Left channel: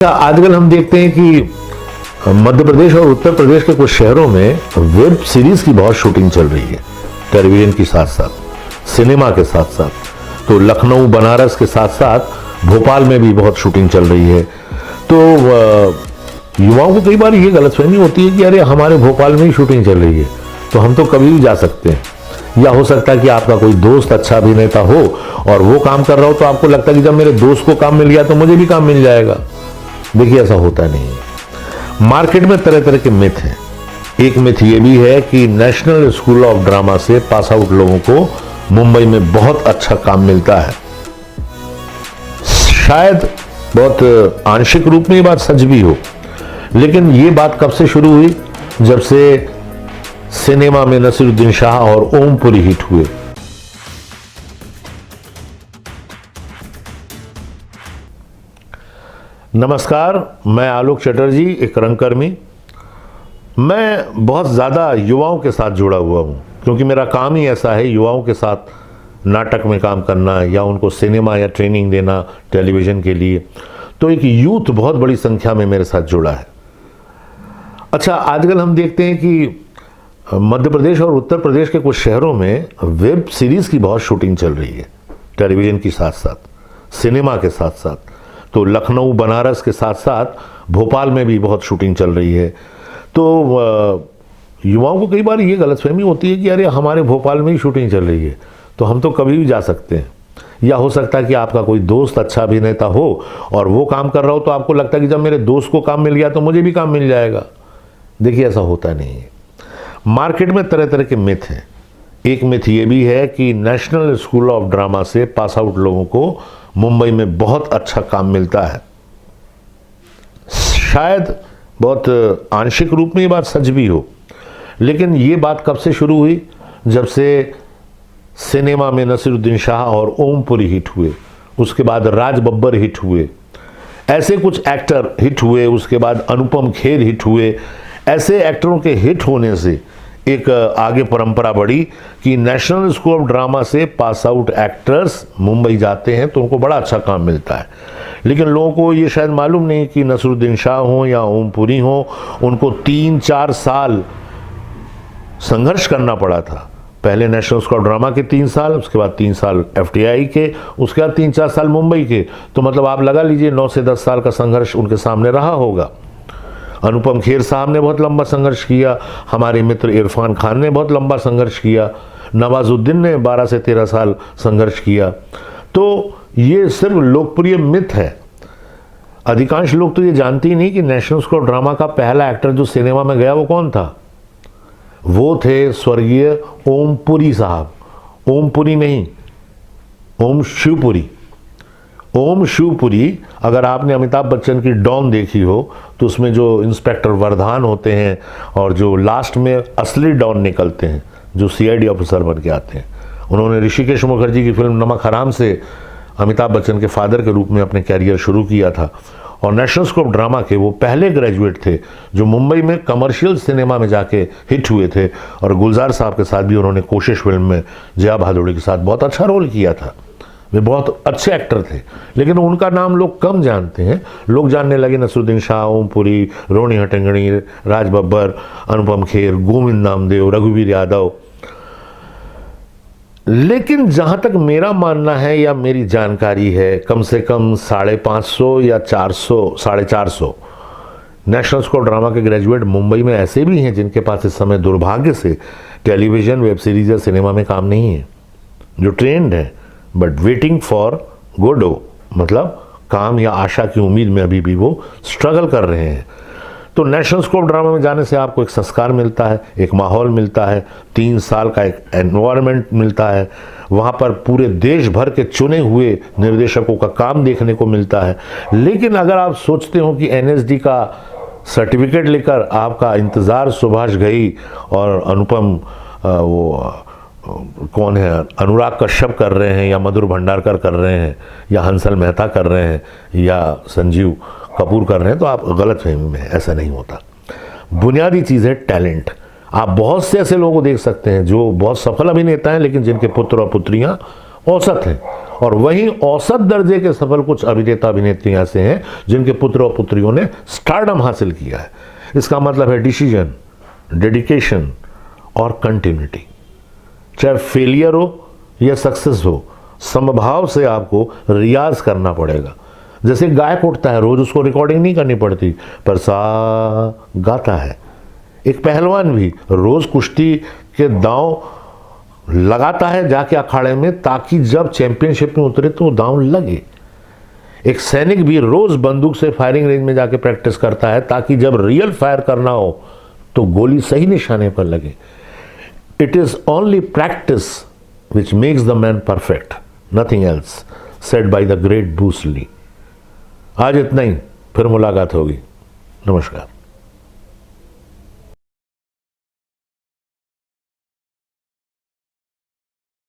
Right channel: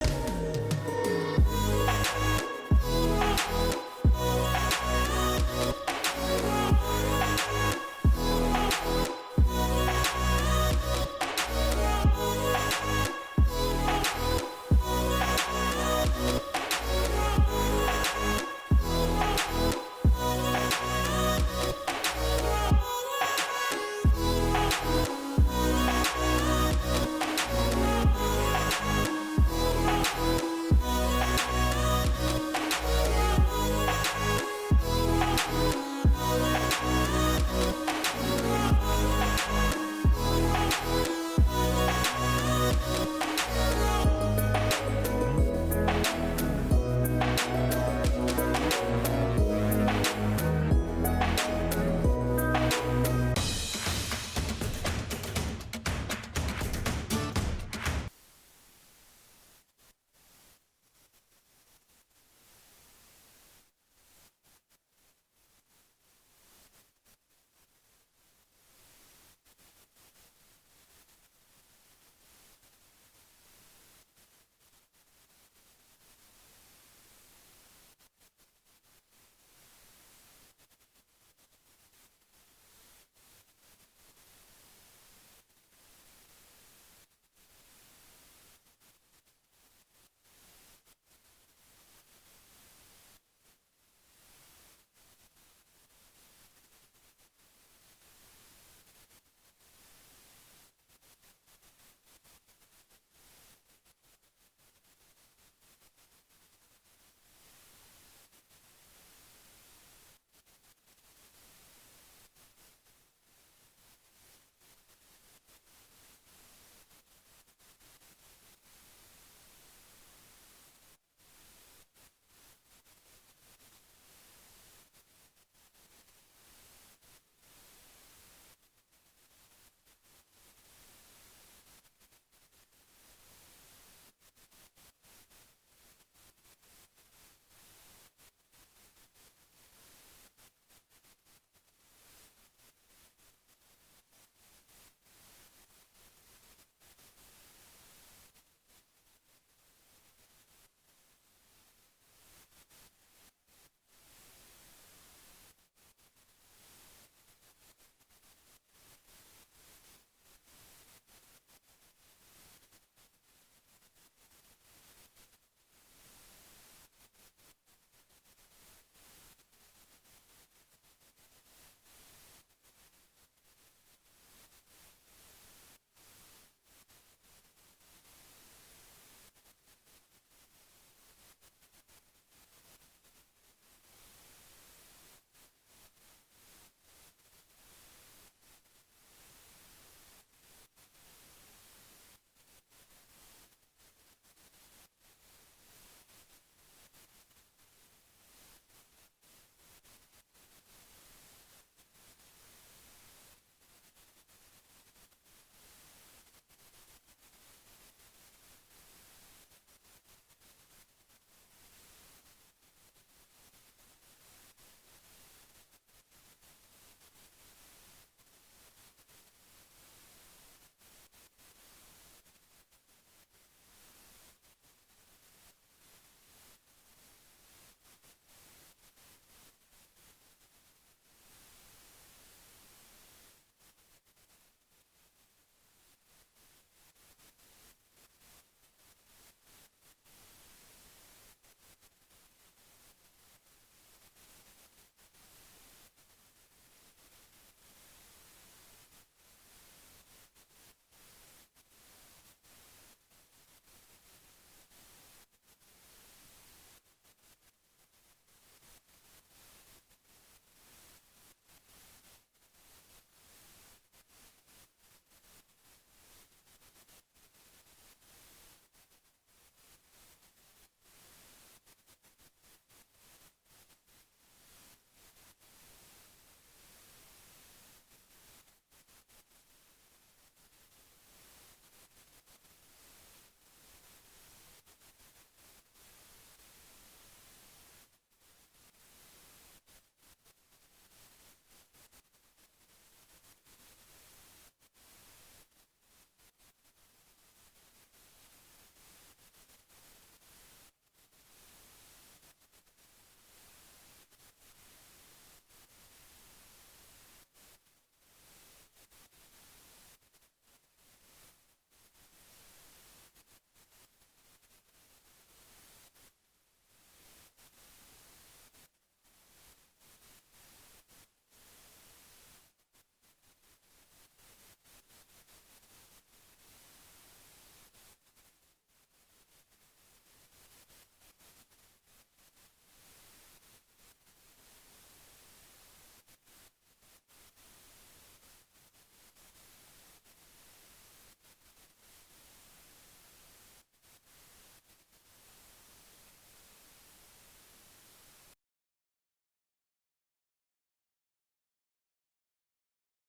आजकल हम देखते हैं कि मध्य प्रदेश और उत्तर प्रदेश के कुछ शहरों में वेब सीरीज की बहुत शूटिंग चल रही है, टेलीविजन के साथ साथ, सिनेमा के साथ साथ। तो लखनऊ, बनारस के साथ साथ भोपाल में भी बहुत शूटिंग चल रही है। तो युवाओं को कई बार ये गलतफहमी होती है कि अरे हमारे भोपाल में ही शूटिंग चल रही है तो हम तो कभी भी जा सकते हैं। या हो सकता है कि आपका कोई दोस्त अच्छा अभिनेता हो और वो काम कर रहा हो तो आपको लगता है कि जब मेरे दोस्त को काम मिल गया तो मुझे भी काम मिल जाएगा। देखिए, ऐसा होता नहीं है। मार्केट में तरह तरह के मिथ हैं। एक मिथ ये भी है कि नेशनल स्कूल ऑफ ड्रामा से पास आउट लोगों को मुंबई में बहुत अच्छा काम मिलता है। शायद बहुत आंशिक रूप में ये बात सच भी हो, लेकिन ये बात कब से शुरू हुई? जब से सिनेमा में नसीरुद्दीन शाह और ओमपुरी हिट हुए। नमस्कार, मैं आलोक चटर्जी, एक रंगकर्मी। मैं बहुत ज़्यादा युवाओं के साथ जुड़ा हुआ हूँ क्योंकि मेरा काम ही ऐसा है, युवाओं के साथ नाटक में काम करना या उनको सिनेमा या ट्रेनिंग देना टेलीविज़न के लिए। तो एक यूथ बहुत बड़ी संख्या में मेरे साथ जुड़ा है। अच्छा, आजकल हम देखते हैं कि मध्य प्रदेश और उत्तर प्रदेश के कुछ शहरों में वेब सीरीज़ की बहुत शूटिंग चल रही है, टेलीविज़न के साथ साथ, सिनेमा के साथ साथ। तो लखनऊ, बनारस के साथ साथ भोपाल में भी बहुत शूटिंग चल रही है। तो युवाओं को कई बार ये गलतफहमी होती है कि अरे हमारे भोपाल में ही शूटिंग चल रही है तो हम तो कभी भी जा सकते हैं। या हो सकता है कि आपका कोई दोस्त अच्छा अभिनेता हो और वो काम कर रहा हो तो आपको लगता है कि जब मेरे दोस्त को काम मिल गया तो मुझे भी काम मिल जाएगा। देखिए, ऐसा होता नहीं है। मार्केट में तरह तरह के मिथ हैं। एक मिथ ये भी है कि नेशनल स्कूल ऑफ ड्रामा से पास आउट लोगों को मुंबई में बहुत अच्छा काम मिलता है। शायद बहुत आंशिक रूप में ये बात सच भी हो, लेकिन ये बात कब से शुरू हुई? जब से सिनेमा में नसीरुद्दीन शाह और ओमपुरी हिट हुए, उसके बाद राज बब्बर हिट हुए, ऐसे कुछ एक्टर हिट हुए, उसके बाद अनुपम खेर हिट हुए। ऐसे एक्टरों के हिट होने से एक आगे परंपरा बढ़ी कि नेशनल स्कूल ऑफ ड्रामा से पास आउट एक्टर्स मुंबई जाते हैं तो उनको बड़ा अच्छा काम मिलता है। लेकिन लोगों को ये शायद मालूम नहीं कि नसीरुद्दीन शाह हो या ओमपुरी हो, उनको 3-4 साल संघर्ष करना पड़ा था। पहले नेशनल स्कूल ऑफ ड्रामा के 3 साल, उसके बाद 3 साल FTI के, उसके बाद 3-4 साल मुंबई के। तो मतलब आप लगा लीजिए 9 से 10 साल का संघर्ष उनके सामने रहा होगा। अनुपम खेर साहब ने बहुत लंबा संघर्ष किया, हमारे मित्र इरफान खान ने बहुत लंबा संघर्ष किया, नवाजुद्दीन ने 12 से 13 साल संघर्ष किया। तो ये सिर्फ लोकप्रिय मिथ है। अधिकांश लोग तो ये जानते ही नहीं कि नेशनल स्कूल ऑफ ड्रामा का पहला एक्टर जो सिनेमा में गया वो कौन था। वो थे स्वर्गीय ओमपुरी साहब। ओमपुरी नहीं, ओम शिवपुरी। ओम शिवपुरी। अगर आपने अमिताभ बच्चन की डॉन देखी हो तो उसमें जो इंस्पेक्टर वर्धान होते हैं और जो लास्ट में असली डॉन निकलते हैं, जो CID ऑफिसर बन के आते हैं, उन्होंने ऋषिकेश मुखर्जी की फिल्म नमक हराम से अमिताभ बच्चन के फादर के रूप में अपने कैरियर शुरू किया था। और नेशनल स्कूल ऑफ ड्रामा के वो पहले ग्रेजुएट थे जो मुंबई में कमर्शियल सिनेमा में जाके हिट हुए थे। और गुलजार साहब के साथ भी उन्होंने कोशिश फिल्म में जया भादुड़ी के साथ बहुत अच्छा रोल किया था। वे बहुत अच्छे एक्टर थे, लेकिन उनका नाम लोग कम जानते हैं। लोग जानने लगे नसीरुद्दीन शाह, ओमपुरी, रोनी हट्टंगड़ी, राज बब्बर, अनुपम खेर, गोविंद नामदेव, रघुवीर यादव। लेकिन जहां तक मेरा मानना है या मेरी जानकारी है, कम से कम 550 या 400, 450 नेशनल स्कूल ड्रामा के ग्रेजुएट मुंबई में ऐसे भी हैं जिनके पास इस समय दुर्भाग्य से टेलीविजन, वेब सीरीज या सिनेमा में काम नहीं है, जो ट्रेंड है बट वेटिंग फॉर गोडो, मतलब काम या आशा की उम्मीद में अभी भी वो स्ट्रगल कर रहे हैं। तो नेशनल स्कूल ऑफ ड्रामा में जाने से आपको एक संस्कार मिलता है, एक माहौल मिलता है, 3 साल का एक एनवायरनमेंट मिलता है। वहाँ पर पूरे देश भर के चुने हुए निर्देशकों का काम देखने को मिलता है। लेकिन अगर आप सोचते हो कि NSD का सर्टिफिकेट लेकर आपका इंतज़ार सुभाष घई और अनुपम वो कौन है, अनुराग कश्यप कर रहे हैं या मधुर भंडारकर कर रहे हैं या हंसल मेहता कर रहे हैं या संजीव कपूर कर रहे हैं, तो आप गलतफहमी में हैं। ऐसा नहीं होता। बुनियादी चीज़ है टैलेंट। आप बहुत से ऐसे लोगों को देख सकते हैं जो बहुत सफल अभिनेता हैं लेकिन जिनके पुत्र और पुत्रियां औसत हैं, और वहीं औसत दर्जे के सफल कुछ अभिनेता अभिनेत्री ऐसे हैं जिनके पुत्र और पुत्रियों ने स्टारडम हासिल किया है। इसका मतलब है डिसीजन, डेडिकेशन और कंटिन्यूटी। चाहे फेलियर हो या सक्सेस हो, समभाव से आपको रियाज करना पड़ेगा। जैसे गायक उठता है, रोज उसको रिकॉर्डिंग नहीं करनी पड़ती, पर सा गाता है। एक पहलवान भी रोज कुश्ती के दांव लगाता है जाके अखाड़े में, ताकि जब चैंपियनशिप में उतरे तो दांव लगे। एक सैनिक भी रोज बंदूक से फायरिंग रेंज में जाके प्रैक्टिस करता है, ताकि जब रियल फायर करना हो तो गोली सही निशाने पर लगे। It is only practice which makes the man perfect, nothing else, said by the great Bruce Lee। आज इतना ही, फिर मुलाकात होगी। नमस्कार।